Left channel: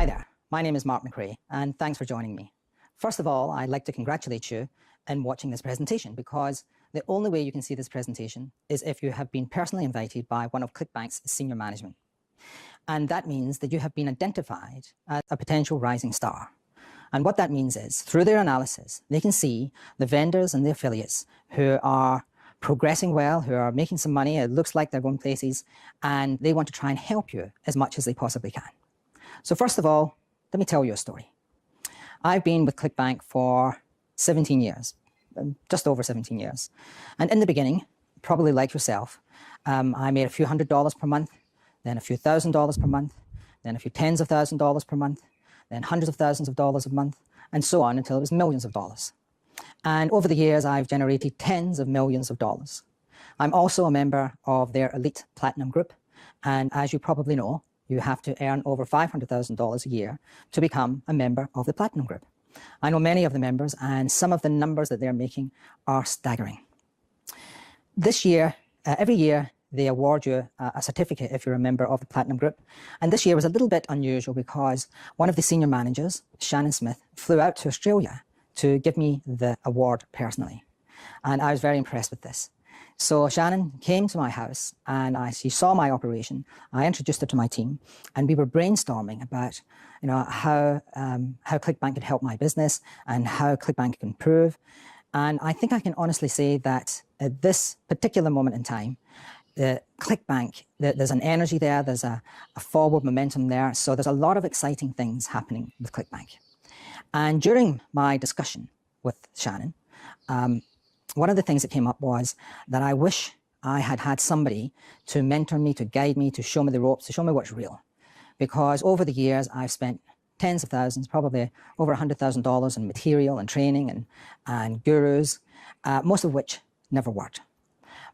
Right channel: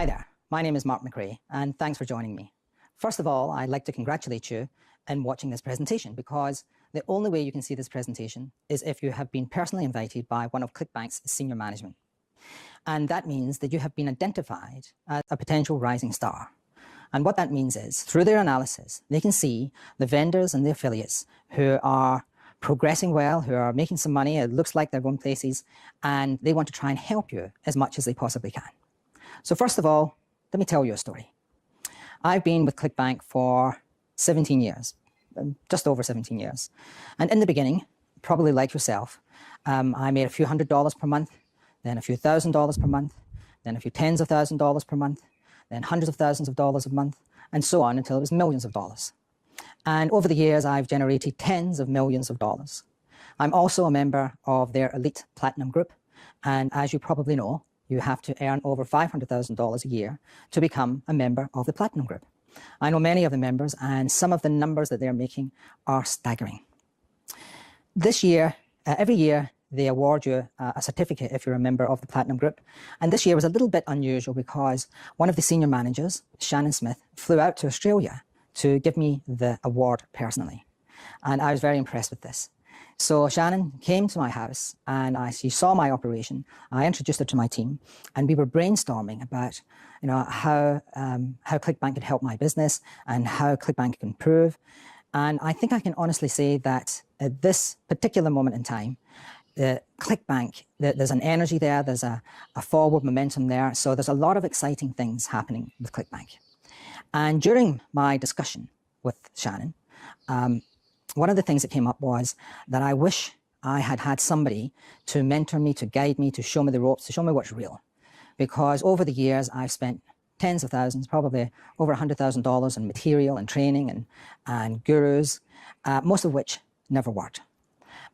Hi there, my name is Mark McRae and thanks for joining me. First of all, I'd like to congratulate you on watching this presentation because the only way you can see this presentation is if you have been personally invited by one of Clickbank's senior management. And that means that you have been identified as a potential rising star. And what that means is, through their analysis, they can see the vendors and the affiliates who are progressing well, who are making some money, it looks like they're going places, and they want to try and help you as much as they possibly can. So first of all, let me tell you a story. I've been with Clickbank for 17 years, just over 17 years. And in the beginning, probably like yourself, I made a few $100s per month, then a few $1,000s per month, then a few tens of $1,000s per month, then hundreds of thousands of dollars a month, and so on until it was millions of dollars. And over the years, I've generated tens of millions of dollars. I'm also a member of their elite platinum group. And as you probably know, you have to earn over $500,000 a year to become a member of the platinum group. I know many of the members, and some of the numbers that they're making are staggering. This year, every year, they award you a certificate if you're a member of the platinum group. And this year was a little bit unusual because one of the senior managers, Shannon Smith, flew out to Australia to give me the award personally. And I was very impressed with this. So Shannon came to my house and she saw my operation. I introduced her to my team and we were brainstorming about, how Clickbank could help my business and how Clickbank could improve. And I think I can honestly say that at this particular moment in time, the Clickbank, there's an energy there, there's a forward momentum there. So there's a lot of exciting things happening with Clickbank. And during my discussion with Shannon, one of the things that came up was that I wish I had had somebody to mentor me, to guide me, to show me the ropes, to show me what's real. Because over the years, I've spent tens of thousands, probably over $100,000 in material and training and gurus, most of which never worked.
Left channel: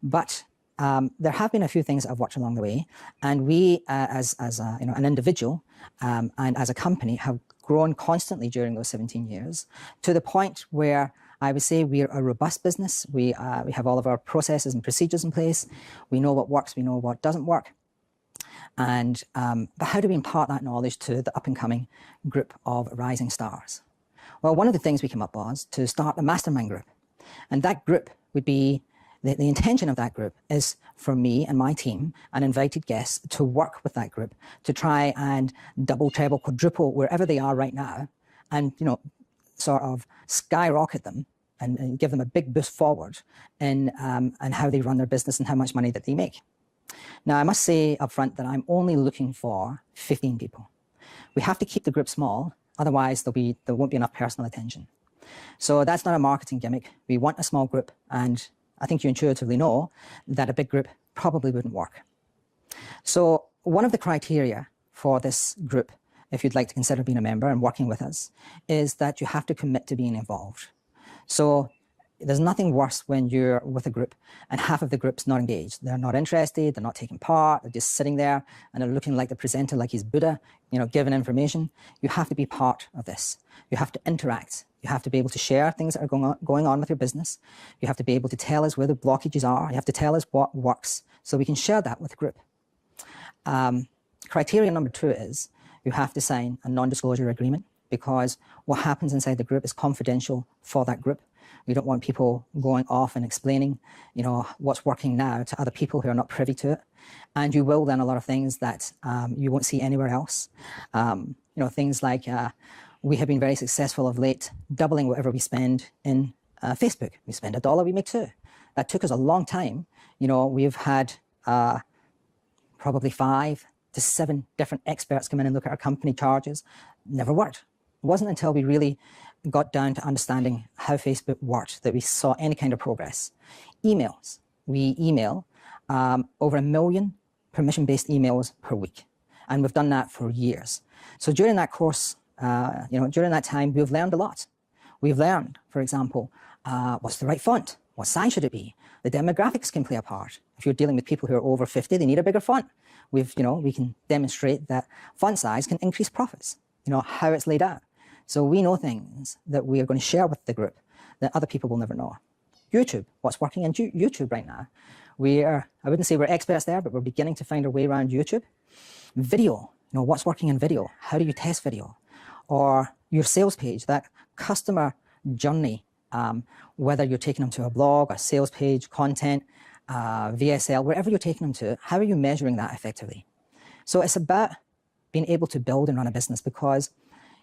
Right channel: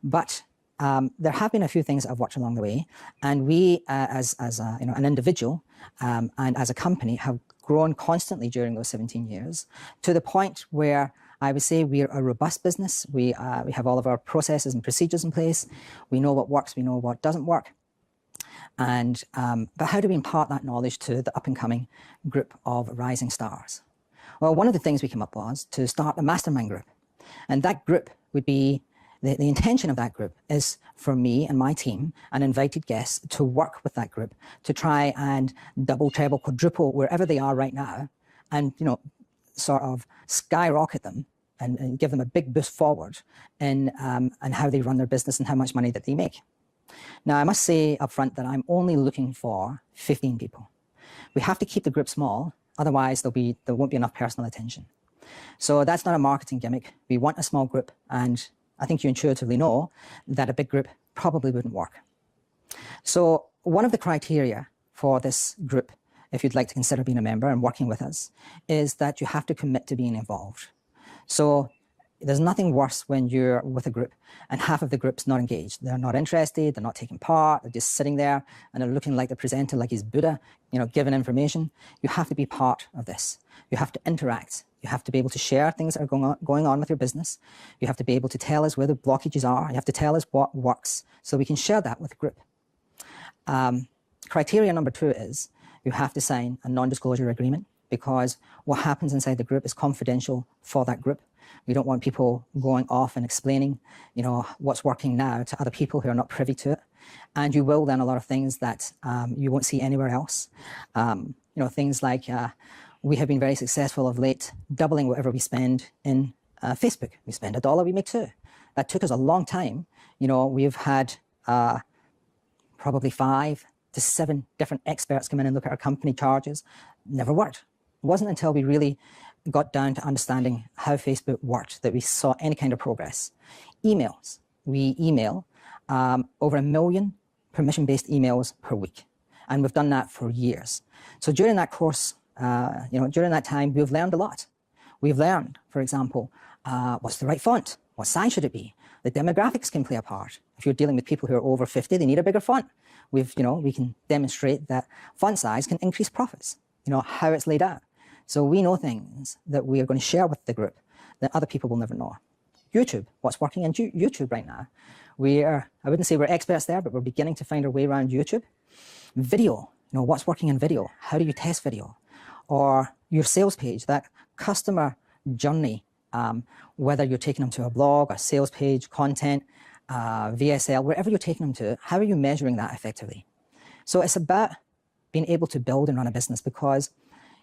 But there have been a few things that I've watched along the way, and we, as an individual and as a company, have grown constantly during those 17 years to the point where I would say we're a robust business. We have all of our processes and procedures in place. We know what works. We know what doesn't work. And but how do we impart that knowledge to the up-and-coming group of rising stars? Well, one of the things we came up was to start a Mastermind group, and that group would be. The intention of that group is for me and my team and invited guests to work with that group to try and double, treble, quadruple wherever they are right now and, sort of skyrocket them and give them a big boost forward in and how they run their business and how much money that they make. Now, I must say up front that I'm only looking for 15 people. We have to keep the group small, otherwise there won't be enough personal attention. So that's not a marketing gimmick. We want a small group, and I think you intuitively know that a big group probably wouldn't work. So one of the criteria for this group, if you'd like to consider being a member and working with us, is that you have to commit to being involved. So there's nothing worse when you're with a group and half of the group's not engaged. They're not interested, they're not taking part, they're just sitting there and they're looking like the presenter, like he's Buddha, giving information. You have to be part of this. You have to interact. You have to be able to share things that are going on with your business. You have to be able to tell us where the blockages are. You have to tell us what works so we can share that with the group. Criteria number 2 is you have to sign a non-disclosure agreement because what happens inside the group is confidential for that group. We don't want people going off and explaining, what's working now to other people who are not privy to it. And you will learn a lot of things that you won't see anywhere else. Things like we have been very successful of late, doubling whatever we spend in Facebook. We spend $1, we make 2. That took us a long time. We've had probably 5 to 7 different experts come in and look at our company charges. Never worked. It wasn't until we really got down to understanding how Facebook worked that we saw any kind of progress. Emails. We email over 1 million permission-based emails per week. And we've done that for years. So during that course, during that time, we've learned a lot. We've learned, for example, what's the right font? What size should it be? The demographics can play a part. If you're dealing with people who are over 50, they need a bigger font. We can demonstrate that font size can increase profits, how it's laid out. So we know things that we are going to share with the group that other people will never know. YouTube, what's working in YouTube right now. I wouldn't say we're experts there, but we're beginning to find our way around YouTube. Video, what's working in video? How do you test video? Or your sales page, that customer journey, whether you're taking them to a blog, a sales page, content, VSL, wherever you're taking them to, how are you measuring that effectively? So it's about being able to build and run a business, because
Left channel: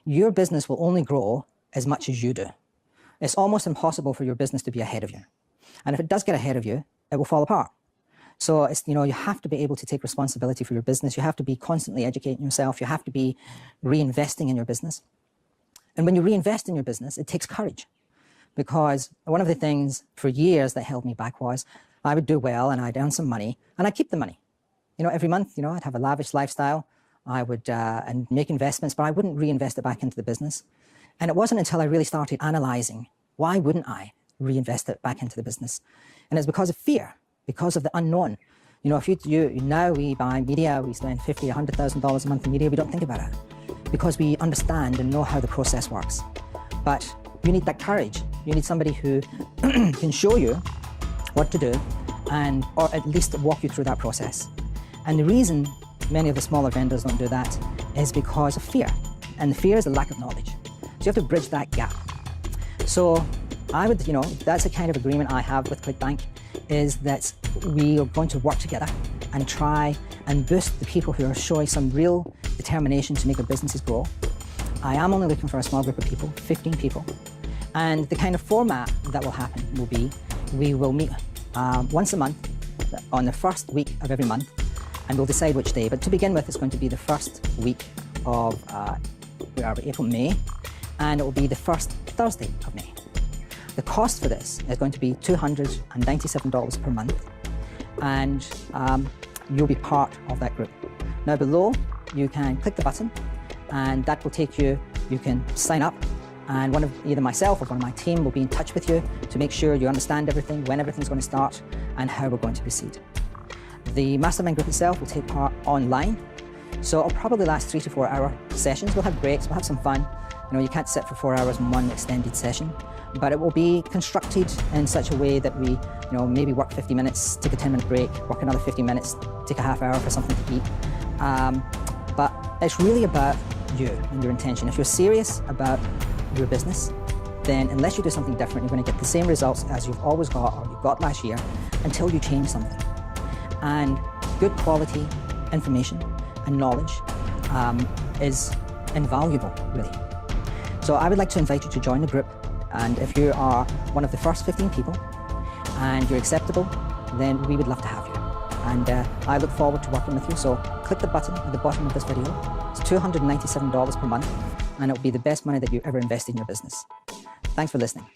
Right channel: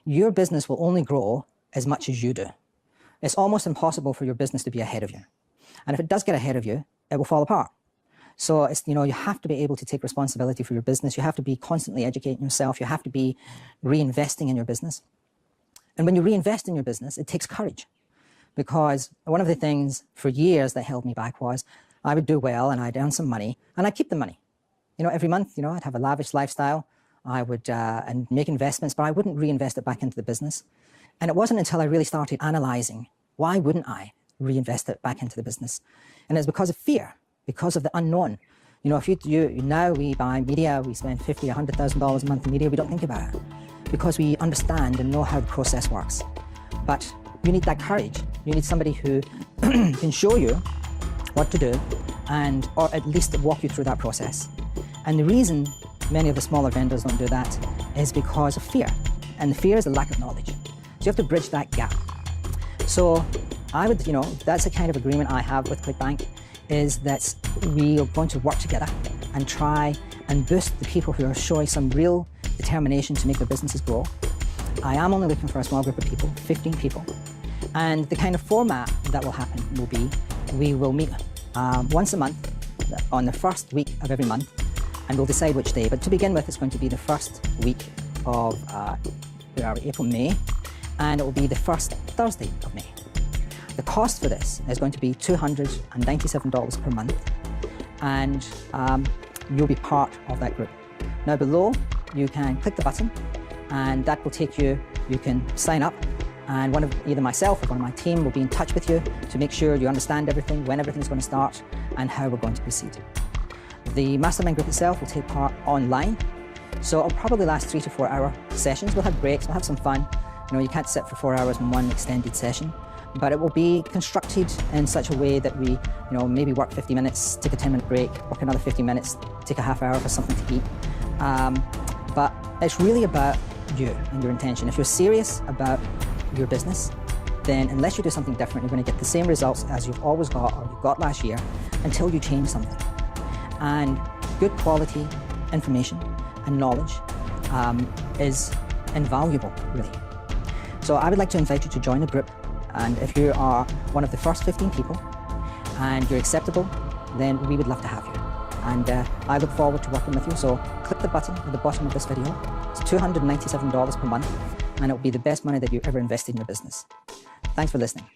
your business will only grow as much as you do. It's almost impossible for your business to be ahead of you. And if it does get ahead of you, it will fall apart. So it's, you have to be able to take responsibility for your business. You have to be constantly educating yourself. You have to be reinvesting in your business. And when you reinvest in your business, it takes courage. Because one of the things for years that held me back was I would do well and I'd earn some money and I'd keep the money. Every month, I'd have a lavish lifestyle. I would and make investments, but I wouldn't reinvest it back into the business. And it wasn't until I really started analyzing, why wouldn't I reinvest it back into the business? And it's because of fear, because of the unknown. Now we buy media, we spend $50,000, $100,000 a month in media, we don't think about it because we understand and know how the process works. But you need that courage. You need somebody who can show you what to do or at least walk you through that process. And the reason many of the smaller vendors don't do that is because of fear. And the fear is a lack of knowledge. So you have to bridge that gap. So I would, that's the kind of agreement I have with Clickbank, is that we are going to work together and try and boost the people who are showing some real determination to make their businesses grow. I am only looking for a small group of people, 15 people. And the kind of format that will happen will be, we will meet once a month on the first week of every month, and we'll decide which day. But to begin with, it's going to be the first week of April, May, and it will be the first Thursday of May. The cost for this is going to be $297 per month, and you'll be part of that group. Now below, you can click the button, and that will take you, you can sign up, and either myself or one of my team will be in touch with you to make sure you understand everything, when everything's going to start, and how we're going to proceed. The Mastermind group itself will take part online, so it'll probably last 3 to 4 hour sessions. We'll have breaks, we'll have some fun. You can't sit for 4 hours in one extended session, but it will be constructed in such a way that we, maybe work 50 minutes, take a 10-minute break, work another 50 minutes, take a half hour for something to eat. But it's really about you and your intention. If you're serious about your business, then unless you do something different, you're going to get the same results as you've always got or you got last year until you change something. And good quality information and knowledge is invaluable, really. So I would like to invite you to join the group, and if you are one of the first 15 people and you're acceptable, then we would love to have you. And I look forward to working with you. So click the button at the bottom of this video. It's $297 per month, and it'll be the best money that you've ever invested in your business. Thanks for listening.